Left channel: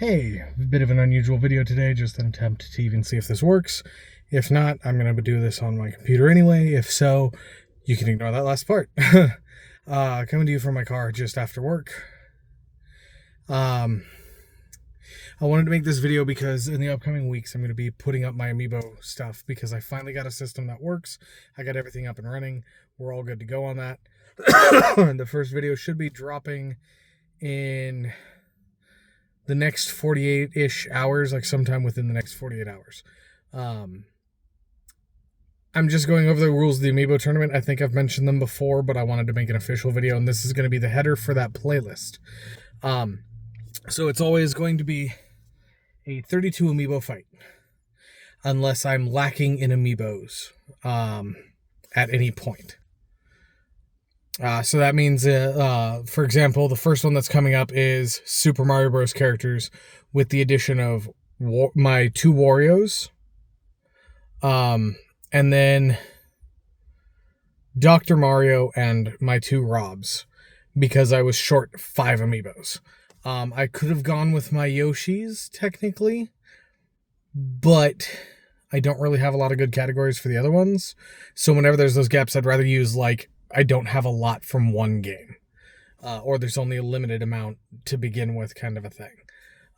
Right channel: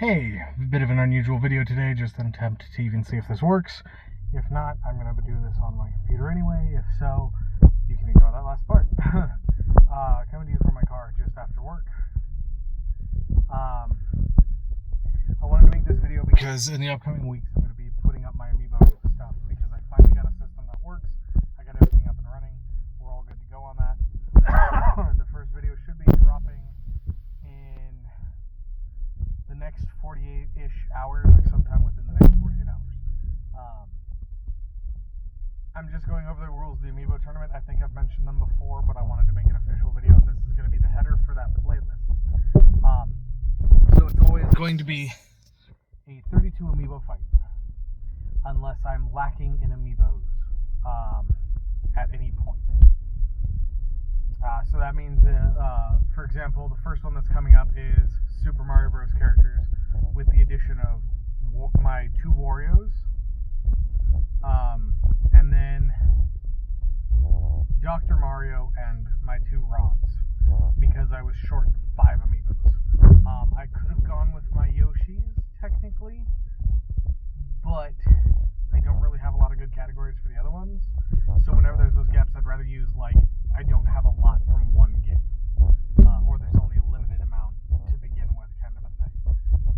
Hey, a bit of an unusual video today, just an attempt to even see if this works. If not, I'm going to do this on my computer anyway. If so, you can ignore that last part. Coming to you from my car just after work. I wanted to make this video because in the upcoming weeks I'm going to be putting up my Amiibo stuff because I finally got a system that works. I got everything up and running. We're all good to go on that. The first video should be dropping in the next 48-ish hours, like sometime within the next 48 hours. I'm just going over the rules of the Amiibo tournament. I think I've mentioned them before, but I wanted to make an official video, and this is going to be the header for that playlist. So it's always going to be a 32 Amiibo fight, unless I'm lacking in Amiibos at any point. So that means, for example, the first one that's coming up is Super Mario Bros. Characters with the addition of my 2 Wario's, and then Dr. Mario and my 2 Robs, because I was short 5 Amiibos. I could have gone with my Yoshis, technically, but I don't really have a lot of good categories for the other ones. So whenever there's those gaps, I'd rather use, like, I don't have a lot from one game, or there's only a limited amount to begin with, kind of a thing.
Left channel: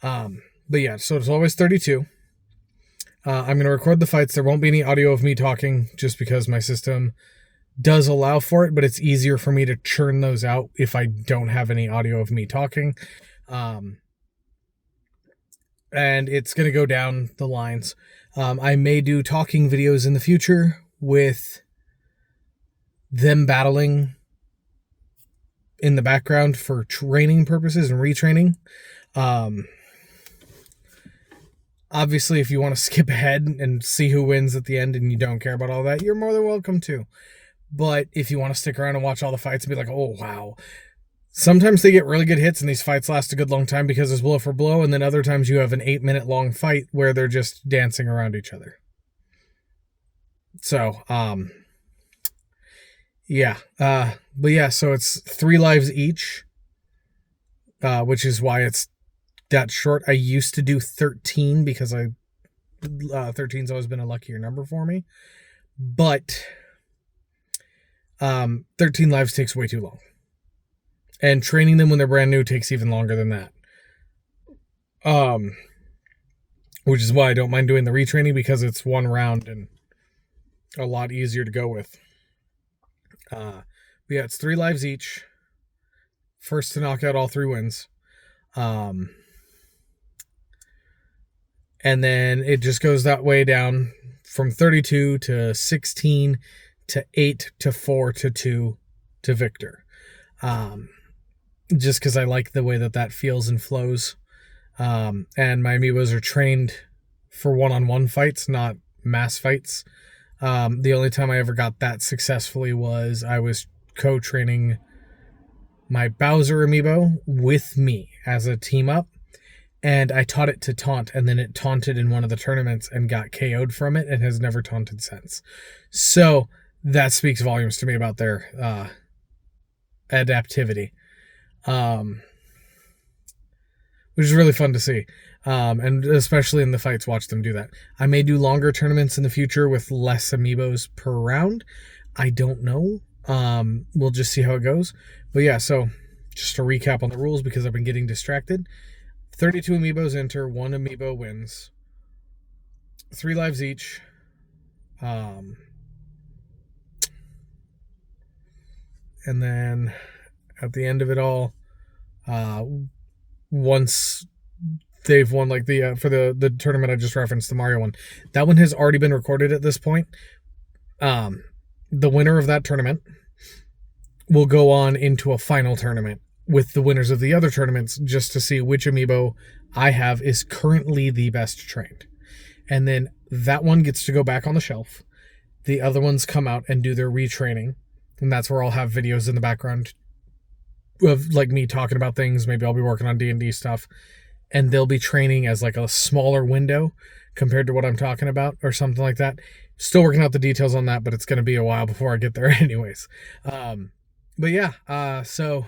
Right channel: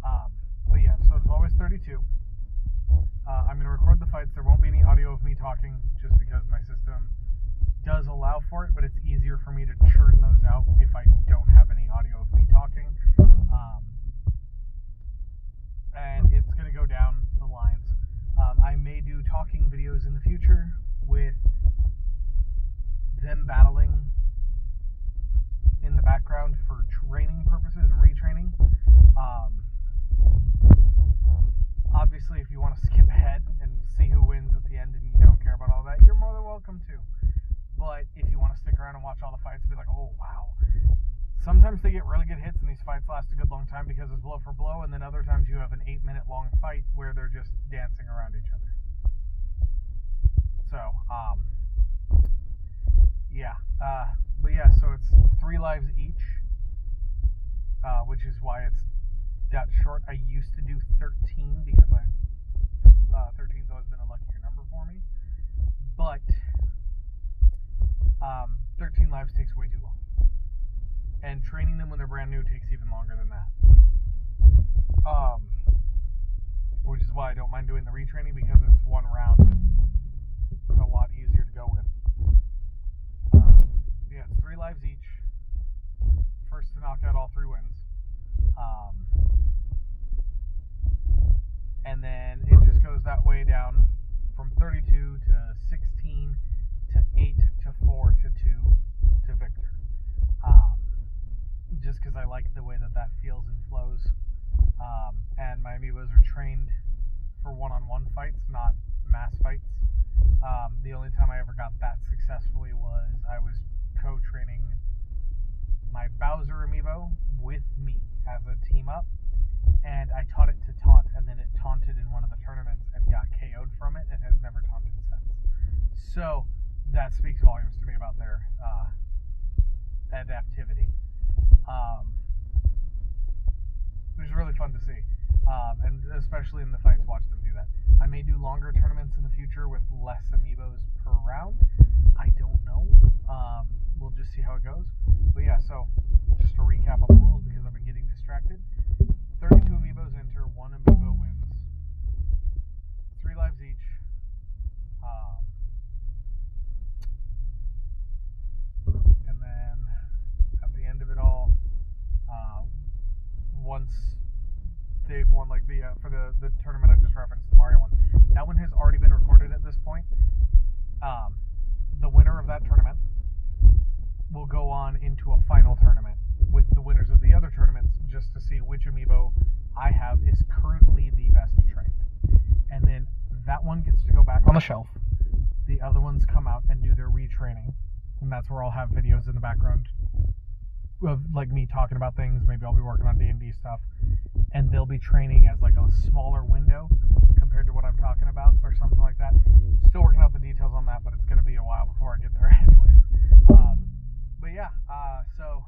But yeah, so it's always 32. I'm going to record the fights. There won't be any audio of me talking, just because my system does allow for it, but it's easier for me to churn those out if I don't have any audio of me talking. And it's going to go down the lines. I may do talking videos in the future with them battling in the background for training purposes and retraining. Obviously, if you want to skip ahead and see who wins at the end and you don't care about all that, you're more than welcome to. But if you want to stick around and watch all the fights and be like, oh, wow. Sometimes they get really good hits and these fights last a good long time because it's blow for blow, and then other times you have an 8-minute long fight where they're just dancing around each other. So, yeah. But yeah, so it's 3 lives each, which is why it's that short. I used to do 13 because 13's always been a luckier number for me. But 13 lives takes way too long. And training them when they're brand new takes even longer than that. Which is why I don't mind doing the retraining, because it's one round and a lot easier to go with. But yeah, it's 3 lives each. First to knock out all 3 wins. And then it just goes that way down from 32 to 16 to 8 to 4 to 2 to Victor. Just because I like the way that feels and flows. And my Amiibos are trained for one-on-one fights, not mass fights. The only time I ever got that successfully was I was co-training my Bowser Amiibo with me as a team up, and I taught it to taunt, and then it taunted in one of the tournaments and got KO'd from it and has never taunted since. So that speaks volumes to me about their adaptivity, which is really fun to see. And especially in the fights, watch them do that. I may do longer tournaments in the future with less Amiibos per round. I don't know. We'll just see how it goes. But yeah, so just to recap on the rules, because I've been getting distracted. 32 Amiibos enter, 1 Amiibo wins. 3 lives each. And then at the end of it all, once they've won, like for the tournament I just referenced, the Mario one, that one has already been recorded at this point. The winner of that tournament will go on into a final tournament with the winners of the other tournaments, just to see which Amiibo I have is currently the best trained. And then that one gets to go back on the shelf. The other ones come out and do their retraining, and that's where I'll have videos in the background of like me talking about things. Maybe I'll be working on D&D stuff, and they'll be training as like a smaller window compared to what I'm talking about, or something like that. Still working out the details on that, but it's going to be a while before I get there anyways. But yeah, so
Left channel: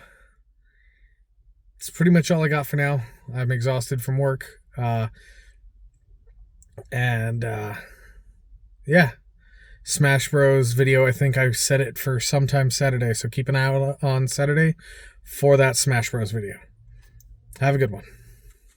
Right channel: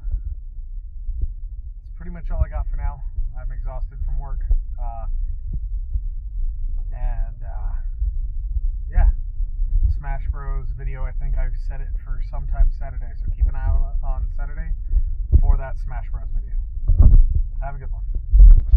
That's pretty much all I got for now. I'm exhausted from work. Yeah. Smash Bros video, I think I set it for sometime Saturday, so keep an eye out on Saturday for that Smash Bros video. Have a good one.